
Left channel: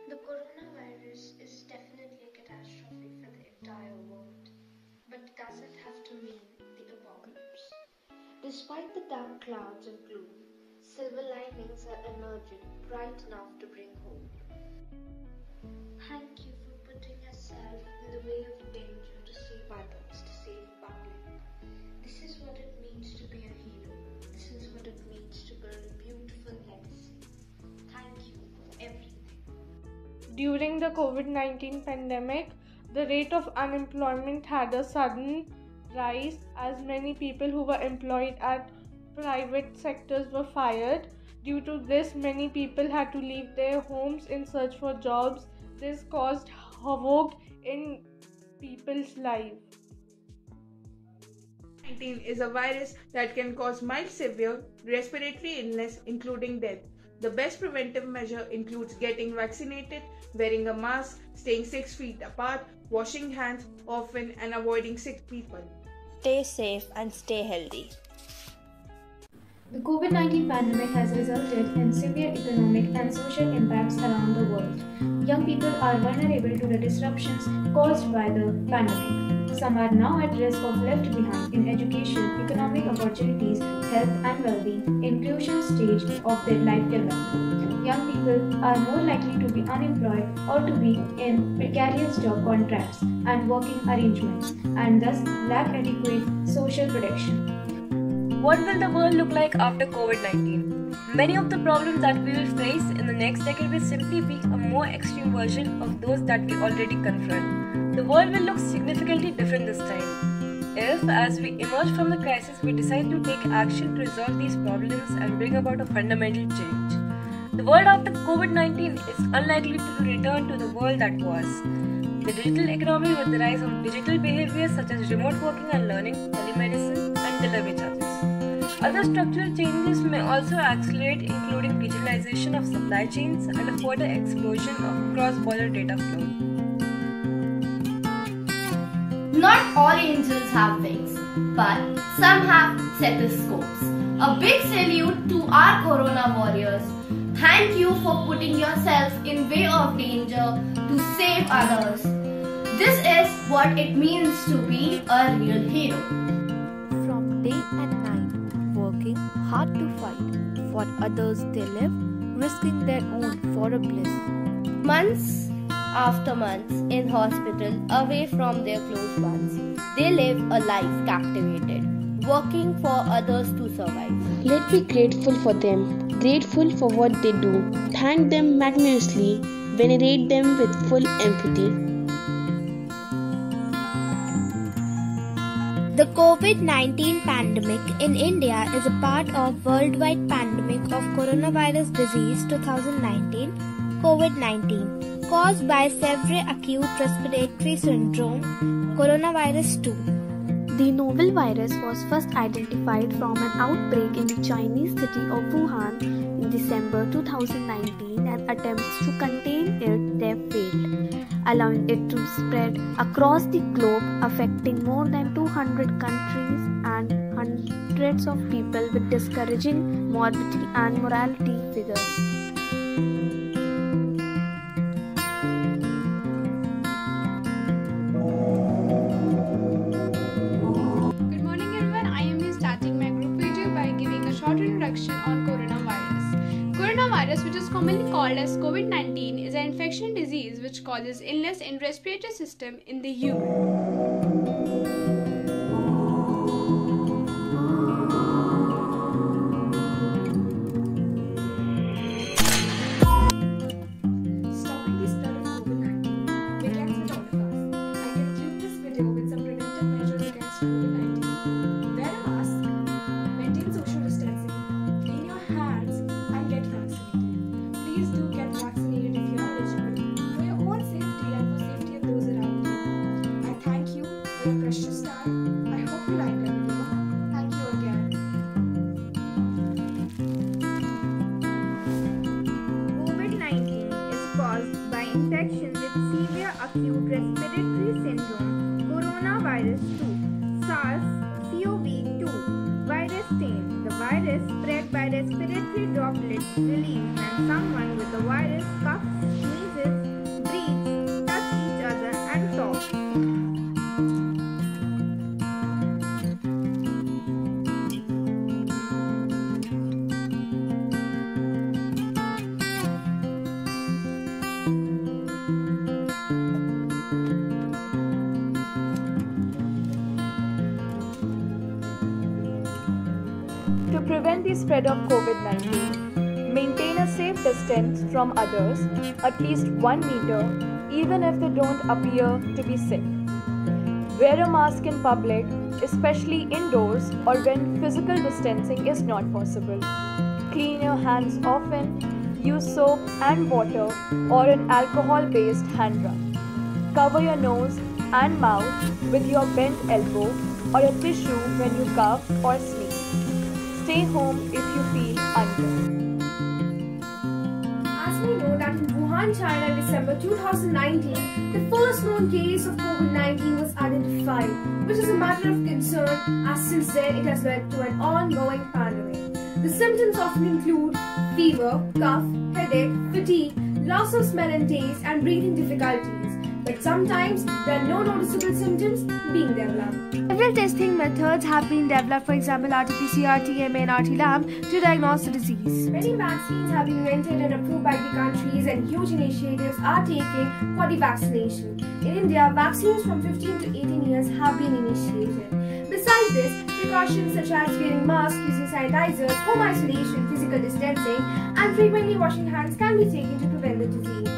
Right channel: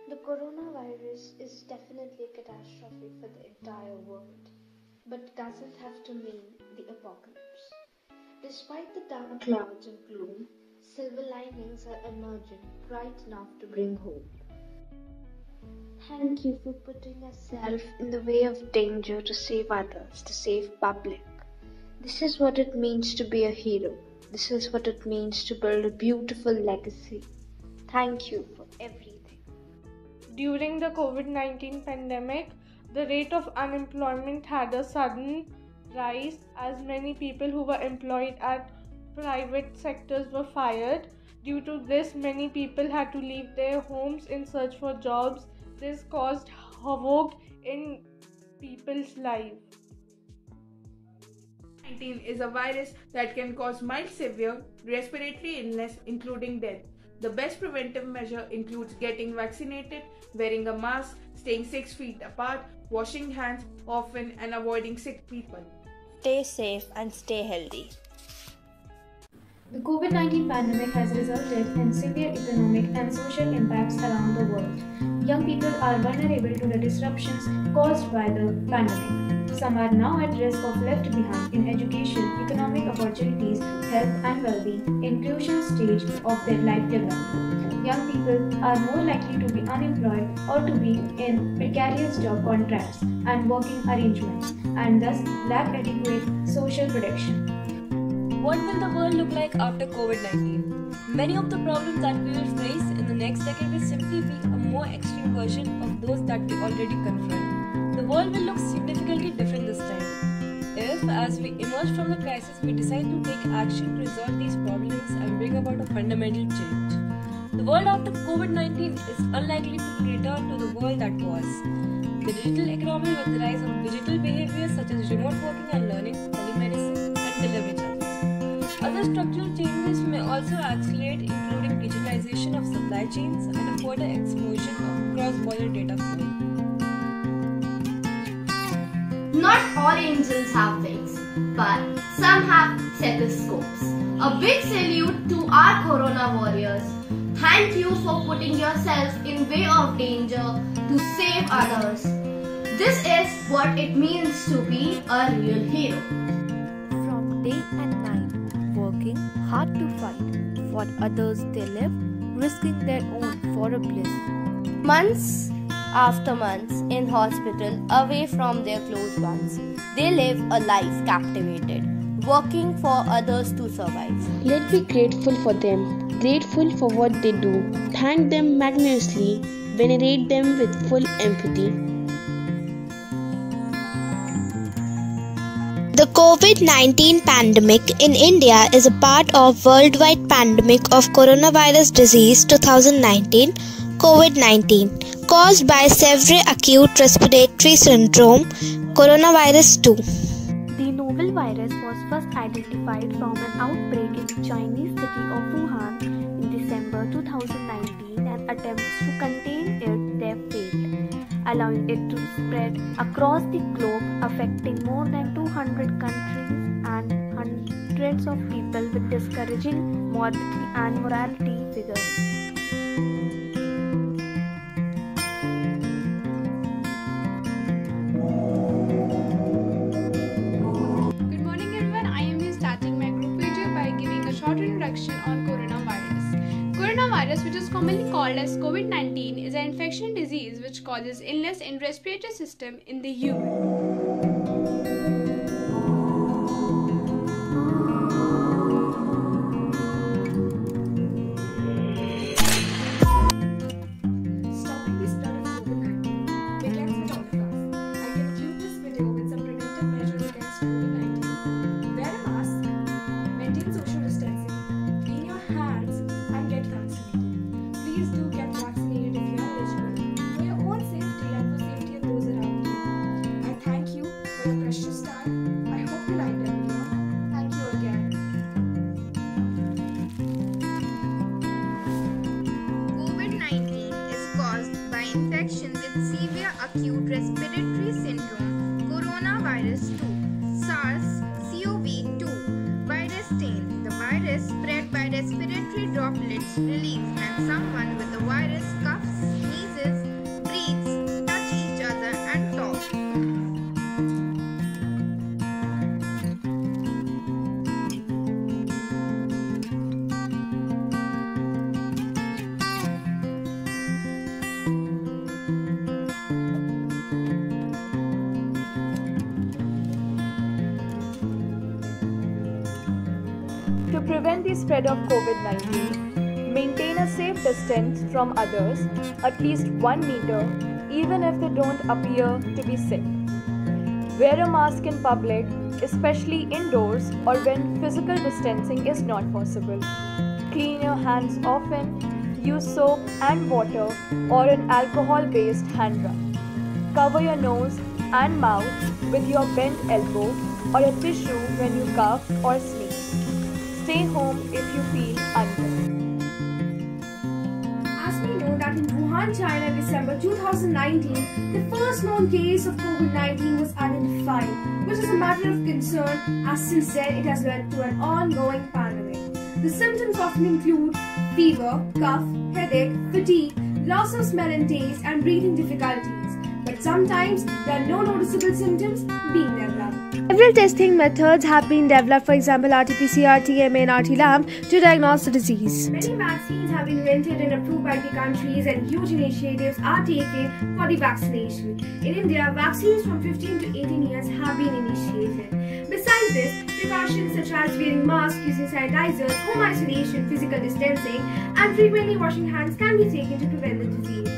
The coronavirus is definitely a catastrophe for the entire world, but it doesn't have to mean the apocalypse. Despite the dark clouds of gloom, silver linings are emerging bright enough to bring hope. Thank you for putting yourself in the way of danger to save others, to save public. This is what it means to be a hero. This is what it means to build a beautiful legacy. Thank you for everything. During the COVID-19 pandemic, the rate of unemployment had a sudden rise as many people who were employed at private sectors were fired. Due to this, many people had to leave their homes in search for jobs. This caused havoc in people's lives. COVID-19 is a virus that can cause mild severe respiratory illness, including death. The best preventive measure includes getting vaccinated, wearing a mask, staying 6 feet apart, washing hands often, and avoiding sick people. Stay safe and stay healthy. The COVID-19 pandemic has resulted in severe economic and social impacts around the world. Young people are vulnerable to the disruptions caused by the pandemic. Some are now at risk of left behind in education, economic opportunities, health and well-being, inclusion stage of their life development. Young people are more likely to be unemployed or to be in precarious job contracts and working arrangements and thus lack adequate social protection. What will the world look like after COVID-19? Many of the problems that we will face in the next decade will simply be a more extreme version of those that we already confront. The world will look significantly different this time. If, as we emerge from the crisis, we decide to take action to resolve these problems and bring about a fundamental change. The world after COVID-19 is unlikely to return to the world that was. The digital economy with the rise of digital behaviors such as remote working and learning, telemedicine, and delivery charges. Other structural changes may also accelerate, including digitalization of supply chains and a further explosion of cross-border data flow. Not all angels have wings, but some have stethoscopes. A big salute to our corona warriors. Thank you for putting yourself in way of danger to save others. This is what it means to be a real hero. From day and night, working hard to fight for others they live, risking their own for a bliss. Months after months in hospital, away from their close ones, they live a life captivated, working for others to survive. Let's be grateful for them, grateful for what they do, thank them magnanimously, venerate them with full empathy. The COVID-19 pandemic in India is a part of worldwide pandemic of coronavirus disease 2019, COVID-19, caused by severe acute respiratory syndrome, coronavirus 2. The novel virus was first identified from an outbreak in the Chinese city of Wuhan in December 2019, and attempts to contain it there failed, allowing it to spread across the globe, affecting more than 200 countries and hundreds of people with discouraging morbidity and mortality figures. Good morning everyone, I am here starting my group video by giving a short introduction on coronavirus. Coronavirus, which is commonly called as COVID-19, is an infection disease which causes illness in respiratory system in the human. Stopping the spread of COVID-19 begins with all of us. I conclude this video with some preventive measures against COVID-19. Wear a mask, maintain social distancing, clean your hands and get vaccinated. Please do get vaccinated if you are eligible for your own safety and for safety of those around you. I thank you for your precious time. I hope you liked the video. Thank you again. COVID-19 is caused by infection with severe acute respiratory syndrome coronavirus 2 SARS-CoV-2 virus strain. The virus spread by respiratory droplets released when someone with the virus coughs, sneezes, breathes, touch each other and talk. To prevent the spread of COVID-19, maintain a safe distance from others, at least 1 meter, even if they don't appear to be sick. Wear a mask in public, especially indoors or when physical distancing is not possible. Clean your hands often, use soap and water or an alcohol-based hand rub. Cover your nose and mouth with your bent elbow or a tissue when you cough or sneeze. Stay home if you feel unwell. As we know that in Wuhan, China in December 2019, the first known case of COVID-19 was identified, which is a matter of concern as since then it has led to an ongoing pandemic. The symptoms often include fever, cough, headache, fatigue, loss of smell and taste, and breathing difficulties. But sometimes there are no noticeable symptoms being developed. Several testing methods have been developed, for example RT-PCR, TMA and RT-LAMP, to diagnose the disease. Many vaccines have been invented and approved by the countries, and huge initiatives are taken for the vaccination. In India, vaccines from 15 to 18 years have been initiated. Besides this, precautions such as wearing masks, using sanitizers, home isolation, physical distancing, and frequently washing hands can be taken to prevent the disease.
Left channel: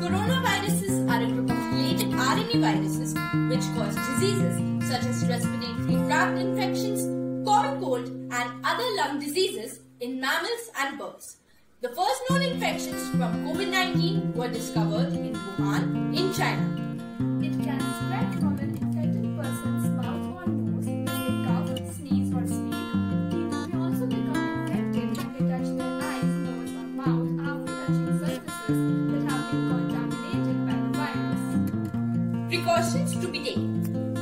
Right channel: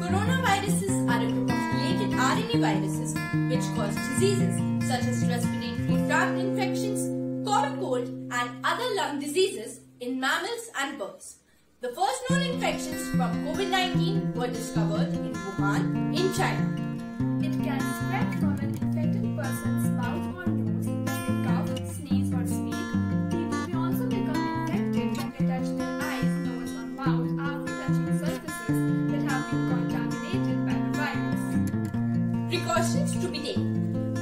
Coronaviruses are a group of related RNA viruses which cause diseases such as respiratory tract infections, common cold and other lung diseases in mammals and birds. The first known infections from COVID-19 were discovered in Wuhan in China. It can spread from an infected person's mouth or nose when they cough, sneeze or speak. People may also become infected when they touch their eyes, nose or mouth after touching surfaces that have been contaminated by the virus. Precautions to be taken.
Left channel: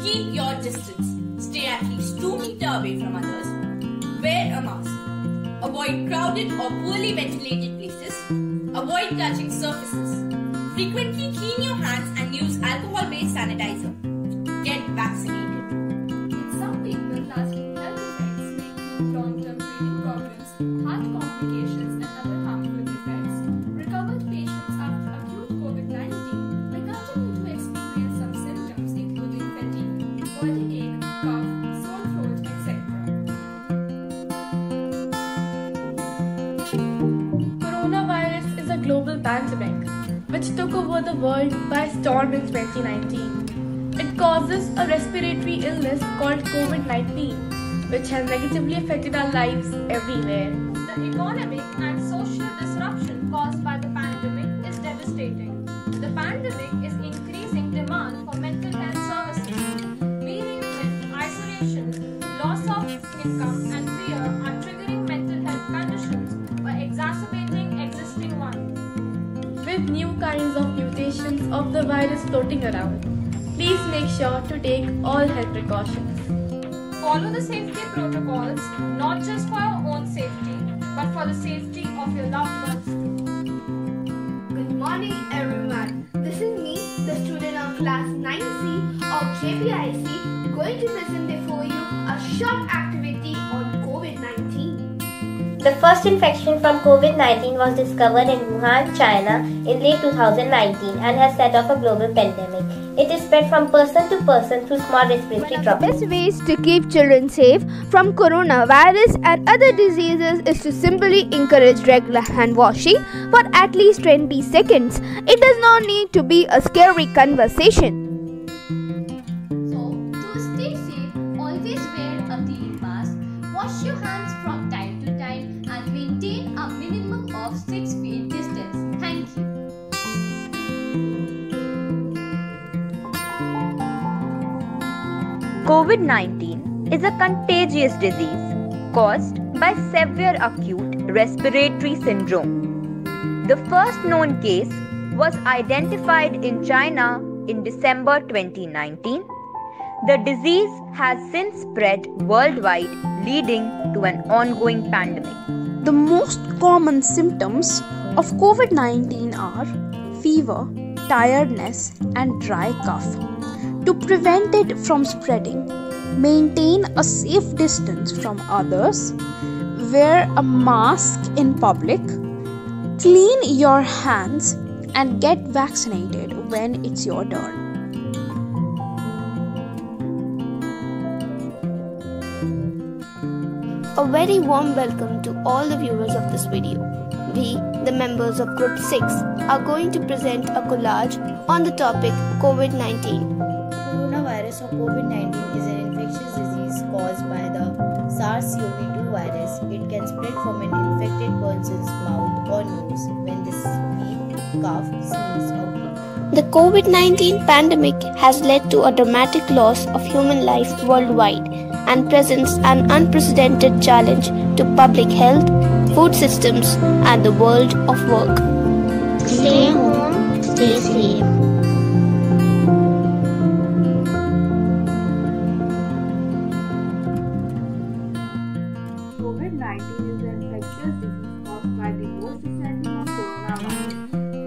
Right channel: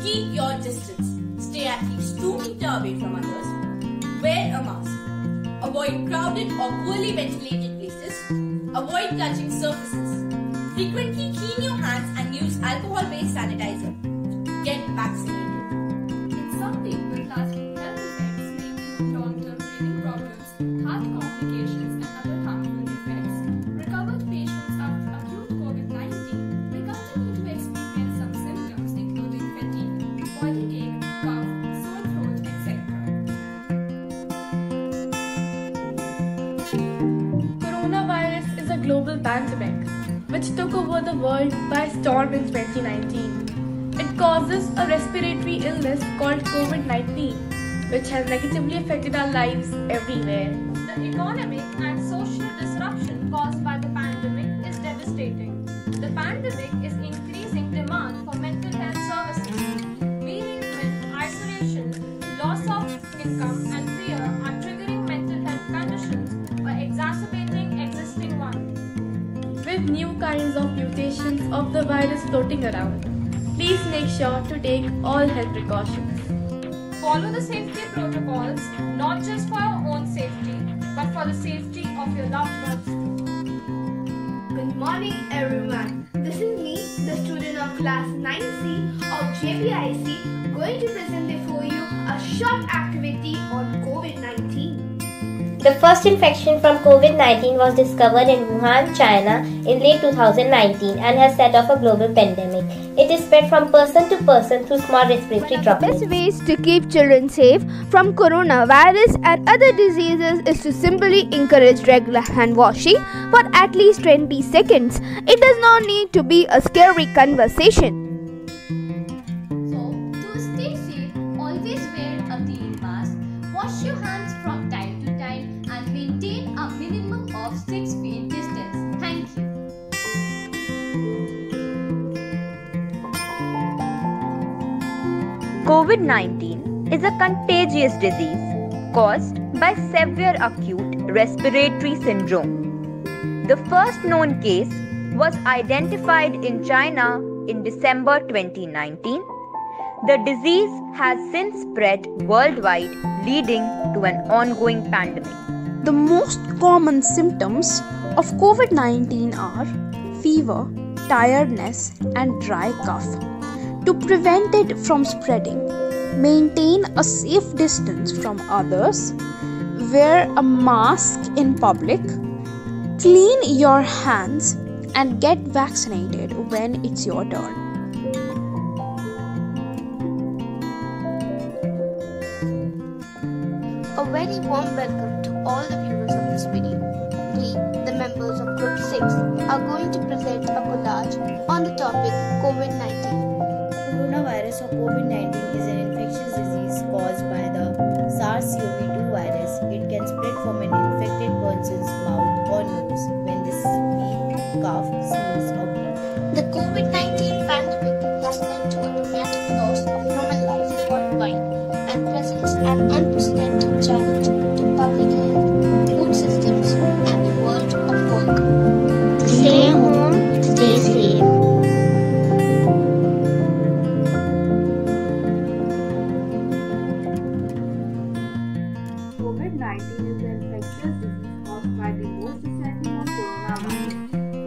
Keep your distance. Stay at least 2 meters away from others. Wear a mask. Avoid crowded or poorly ventilated places. Avoid touching surfaces. Frequently clean your hands and use alcohol-based sanitizer. Get vaccinated. In some people, lasting health effects may include long-term breathing problems, heart complications and other harmful effects. Recovered patients after acute COVID-19 may continue to experience some symptoms including fatigue, body ache, cough, sore throat, etc. Coronavirus is a global pandemic which took over the world by storm in 2019. It causes a respiratory illness called COVID-19, which has negatively affected our lives everywhere. The economic and social disruption caused by the pandemic is devastating. The pandemic is increasing demand for mental health services. Bereavement, isolation, loss of income and fear are triggering mental health conditions or exacerbating existing ones. With new kinds of mutations of the virus floating around, please make sure to take all health precautions. Follow the safety protocols, not just for your own safety, but for the safety of your loved ones too. Good morning everyone. This is me, the student of class 9C of Jpic, going to present before you a short activity on COVID-19. The first infection from COVID-19 was discovered in Wuhan, China in late 2019 and has set off a global pandemic. It is spread from person to person through small respiratory droplets. One of the best ways to keep children safe from coronavirus and other diseases is to simply encourage regular hand washing for at least 20 seconds. It does not need to be a scary conversation. So, to stay safe, always wear a clean mask. Wash your hands from time to time and maintain a minimum of 6 feet distance. Thank you. COVID-19 is a contagious disease caused by severe acute respiratory syndrome. The first known case was identified in China in December 2019. The disease has since spread worldwide, leading to an ongoing pandemic. The most common symptoms of COVID-19 are fever, tiredness, and dry cough. To prevent it from spreading, maintain a safe distance from others, wear a mask in public, clean your hands, and get vaccinated when it's your turn. A very warm welcome to all the viewers of this video. We, the members of Group 6, are going to present a collage on the topic COVID-19. Coronavirus or COVID-19 is an infectious disease caused by the SARS-CoV-2 virus. It can spread from an infected person's mouth or nose when they speak, cough, sneeze or breathe. The COVID-19 pandemic has led to a dramatic loss of human life worldwide and presents an unprecedented challenge to public health, food systems, and the world of work. Stay home, stay safe. COVID-19 is an infectious disease caused by the most recently known coronavirus.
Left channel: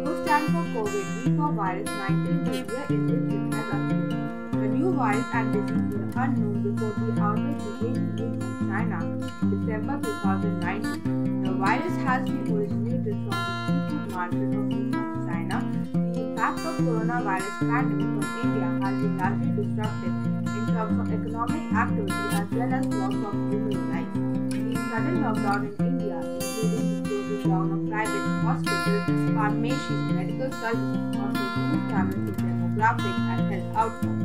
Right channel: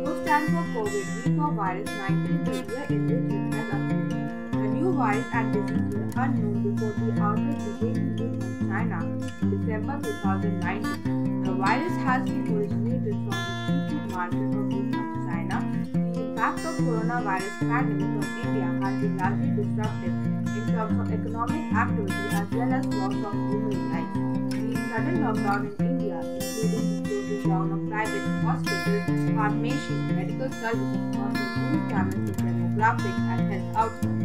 CO stands for COVID, V for virus 19, the year in which it has appeared. The new virus and disease were unknown before the outbreak began in Wuhan, China in December 2019. The virus has been originated from the seafood market of Wuhan, China. The impact of coronavirus pandemic on India has been largely disruptive in terms of economic activity as well as loss of human life. The sudden lockdown in India, including the closing down of private hospitals, pharmacies, medical services, caused a huge damage to demographic and health outcomes.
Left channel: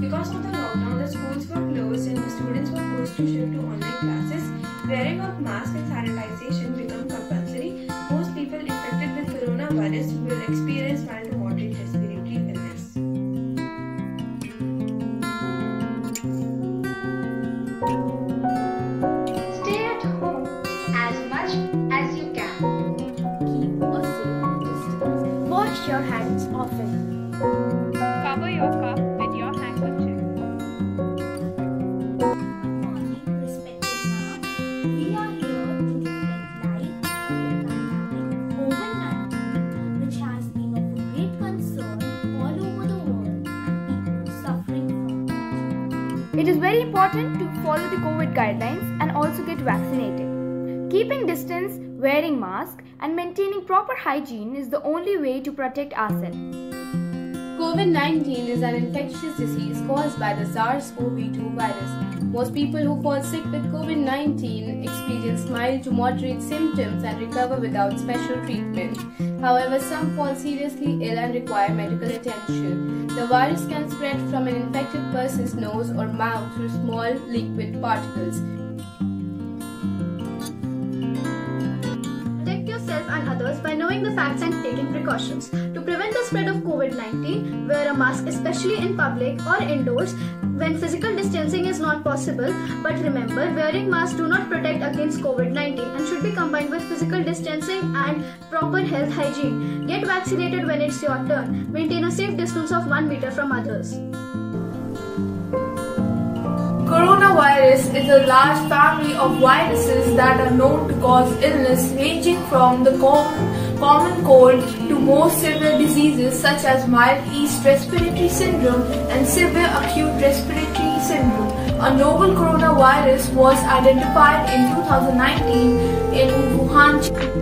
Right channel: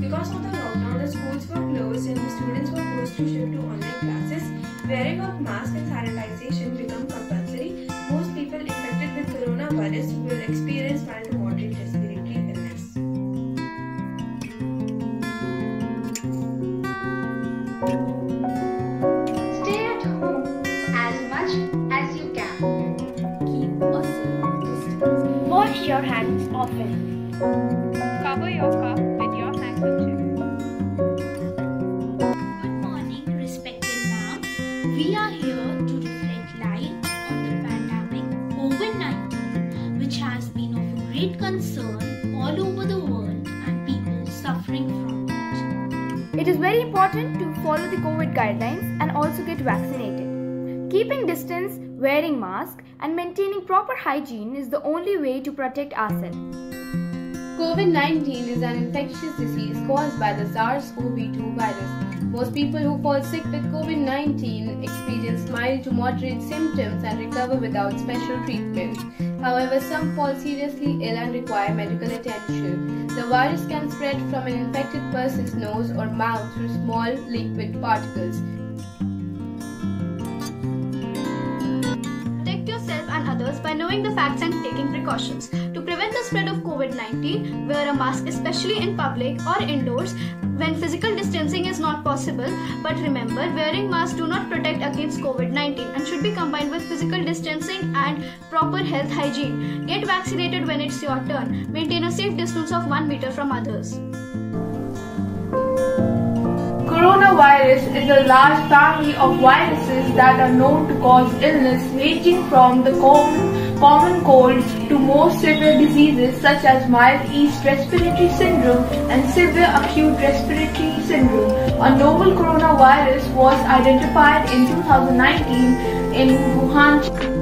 Because of the lockdown, the schools were closed and the students were forced to shift to online classes. Wearing of masks and sanitization become compulsory. Most people infected with coronavirus will experience mild to moderate respiratory illness. Stay at home as much as you can. Keep a safe distance. Wash your hands often. Cover your cough with your handkerchief. Good morning, respected ma'am. We are here to reflect light on the pandemic COVID-19, which has been of a great concern all over the world and people suffering from it. It is very important to follow the COVID guidelines and also get vaccinated. Keeping distance, wearing masks, and maintaining proper hygiene is the only way to protect ourselves. COVID-19 is an infectious disease caused by the SARS-CoV-2 virus. Most people who fall sick with COVID-19 experience mild to moderate symptoms and recover without special treatment. However, some fall seriously ill and require medical attention. The virus can spread from an infected person's nose or mouth through small liquid particles. Protect yourself and others by knowing the facts and taking precautions. To prevent the spread of COVID-19, wear a mask especially in public or indoors when physical distancing is not possible. But remember, wearing masks do not protect against COVID-19 and should be combined with physical distancing and proper health hygiene. Get vaccinated when it's your turn. Maintain a safe distance of 1 meter from others. Coronavirus is a large family of viruses that are known to cause illness ranging from the common cold to more severe diseases such as mild yeast respiratory syndrome and severe acute respiratory syndrome. A novel coronavirus was identified in 2019 in Wuhan, China.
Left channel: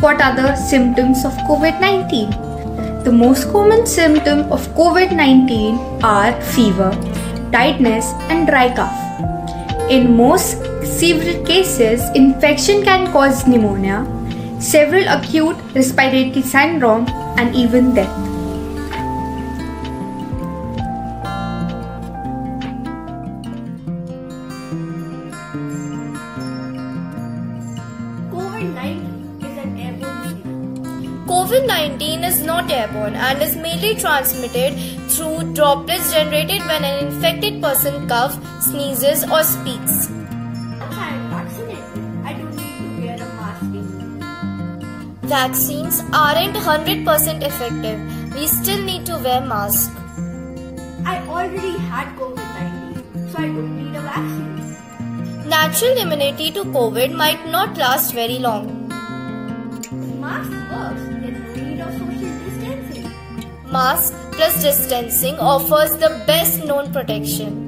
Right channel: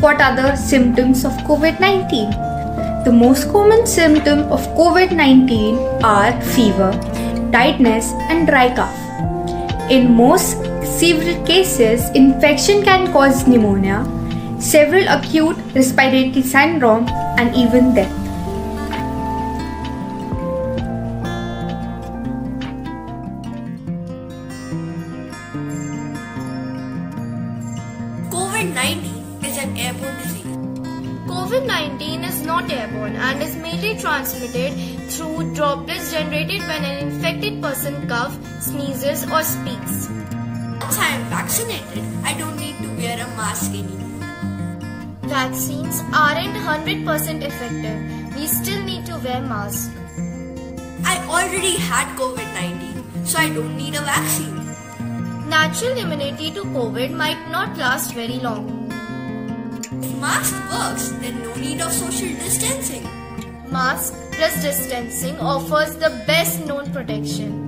What are the symptoms of COVID-19? The most common symptoms of COVID-19 are fever, tiredness, and dry cough. In most severe cases, infection can cause pneumonia, several acute respiratory syndrome, and even death. COVID-19 is an airborne disease. COVID-19 is not airborne and is mainly transmitted through droplets generated when an infected person coughs, sneezes, or speaks. Once I am vaccinated, I don't need to wear a mask anymore. Vaccines aren't 100% effective. We still need to wear masks. I already had COVID-19, so I don't need a vaccine. Natural immunity to COVID might not last very long. If mask works, then no need of social distancing. Mask plus distancing offers the best known protection.